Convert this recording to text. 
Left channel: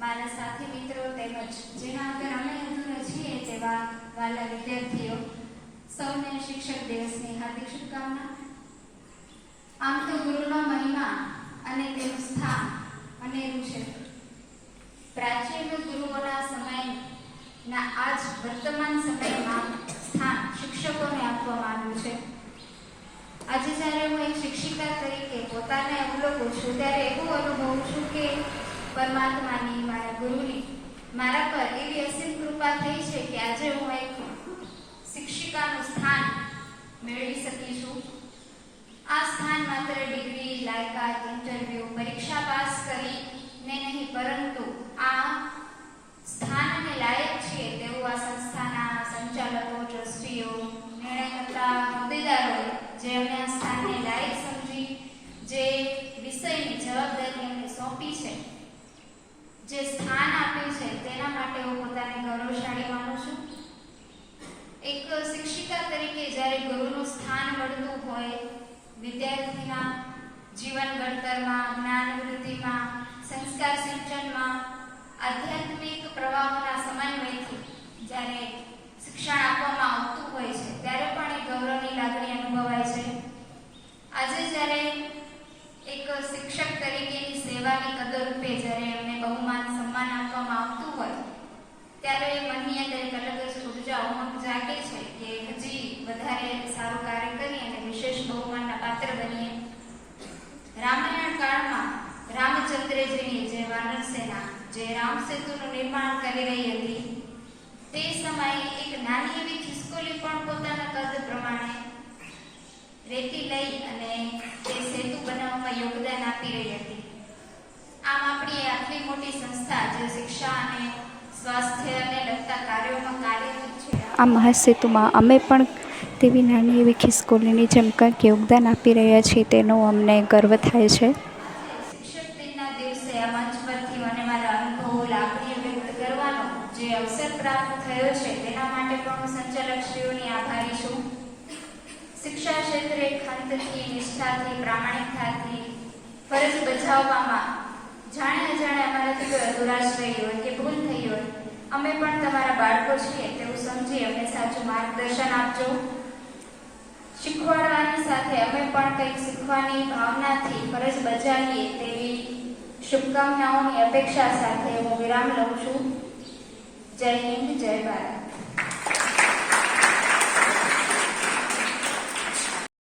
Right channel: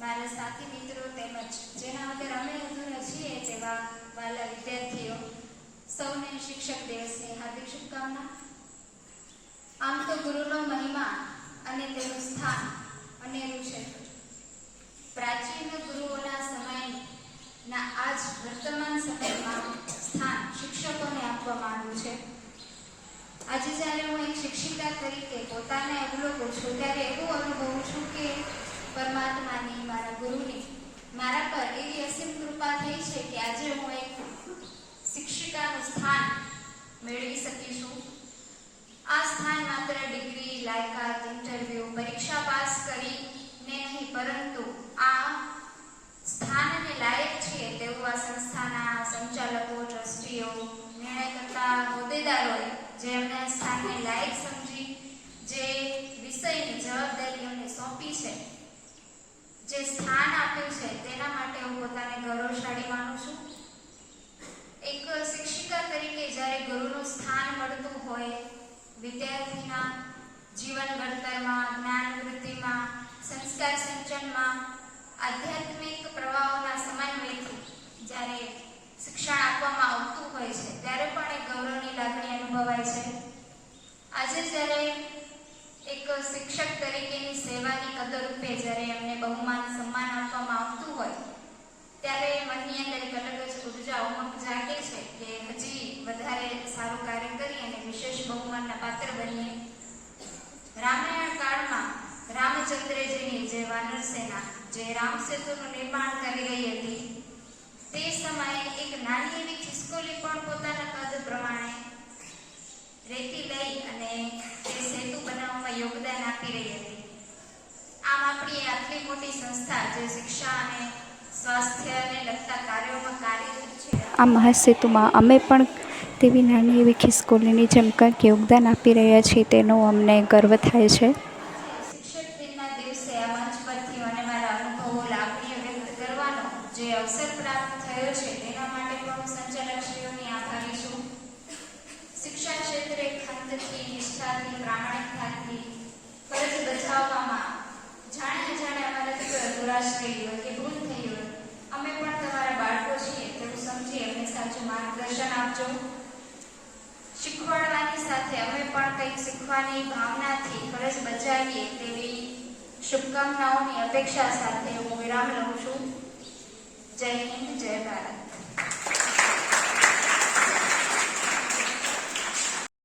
મારા સાથી મિત્રો તેમજ જેના અંદર અમે અધૂરા છીએ તેવા વાલા વિદ્યાર્થીઓ, સૌને શિક્ષક દિવસની હાર્દિક શુભકામના. આમ તો ગુરુનો મહિમા અને તેનું સ્થાન અનેરું છે. પ્રાચીન ગુરુઓના સમયના આજ વર્તમાન સમયમાં સ્થાન શિક્ષકોને આપવામાં આવ્યું છે. આજે જ્યારે હું એક શિક્ષિકા તરીકે પોતાને અવલોકું છું, ત્યારે એવું પરમાત્માની મારા ગુરુની. મારા પર એવી અસીમ કૃપા થઈ છે કે આજે હું એક શિક્ષિકાનું સ્થાન મેળવી શકી છું આ સ્થાન માત્ર ડિગ્રી, લાયકાત, ઇન્ટરવ્યુ, પરીક્ષા પાસ કરીને નહીં, પરંતુ આ સ્થાન અને લાયક છીએ તેવું આ સંસ્થાના સંચાલકો, ટ્રસ્ટીઓ નિર્ણય કરતા હોદ્દેદારોએ જે અમને આ સ્થાનને લાયક સમજી, જે વિષયની જવાબદારી છે જે સ્થાન આપ્યું છે, તેના માટે હું પોતાને ગૌરવશાળી માનું છું. એક શિક્ષિકા તરીકે જ્યારે ગુરુનું સ્થાન મળતું હોય, વિદ્યાર્થીના જીવન ઘડતરમાં, જ્ઞાન વૃદ્ધિમાં સંસ્કાર સિંચનમાં, આધ્યાત્મિક પ્રવાહોના સમન્વયથી જ્યારે શિક્ષણ આપવામાં આવતું હોય છે ત્યારે પણ એક ગૌરવની લાગણી અનુભવાય છે આજે જ્યારે એક શિક્ષક તરીકેની સેવાની કદર રૂપે જ્યારે એમને બહુમાન સન્માન આપવામાં આવતું હોય ત્યારે મનની અંદર એક અલગ જ ઊર્જા ઉમંગ જાગે છે કે હજી વધારે સારું કાર્ય કરી અને વિશેષ બહુમાનના પાત્ર બનીએ. રામાયણ કાળમાં રામચંદ્રજીની જે વાનર સેના, જે રામ સેતુનું નિર્માણ કરી રહી હતી, તે સમયે એક નાની એવી ખિસકોલી પણ પોતાના કદ પ્રમાણે રેતી લઈ અને તે સેતુ બનાવવામાં યોગદાન આપી રહી હતી. આમ આપણી આટલી મોટી સંસ્થા જે શિક્ષા અને સ્વાસ્થ્યને લગતા કાર્યોમાં કાર્યરત છે. આ મહાસેતુમાં અમે પણ તેવી નાની એવી ખિસકોલીની જેમ કંઈક યોગદાન આપી રહ્યા છીએ તેનો અમને ગર્વ થાય છે. અમે પણ તમારા બાળકો છીએ તેવું સમજી અમને સાચું માર્ગદર્શન આપજો. શીખવાડવાની સાથે અમે પણ કંઈક શીખવાની ભાવનાથી ફરજ બજાવીએ તેવી શુભકામનાઓની અપેક્ષા સાથે હું વિરામ લઉં છું. જય હિન્દ, જય ભારત.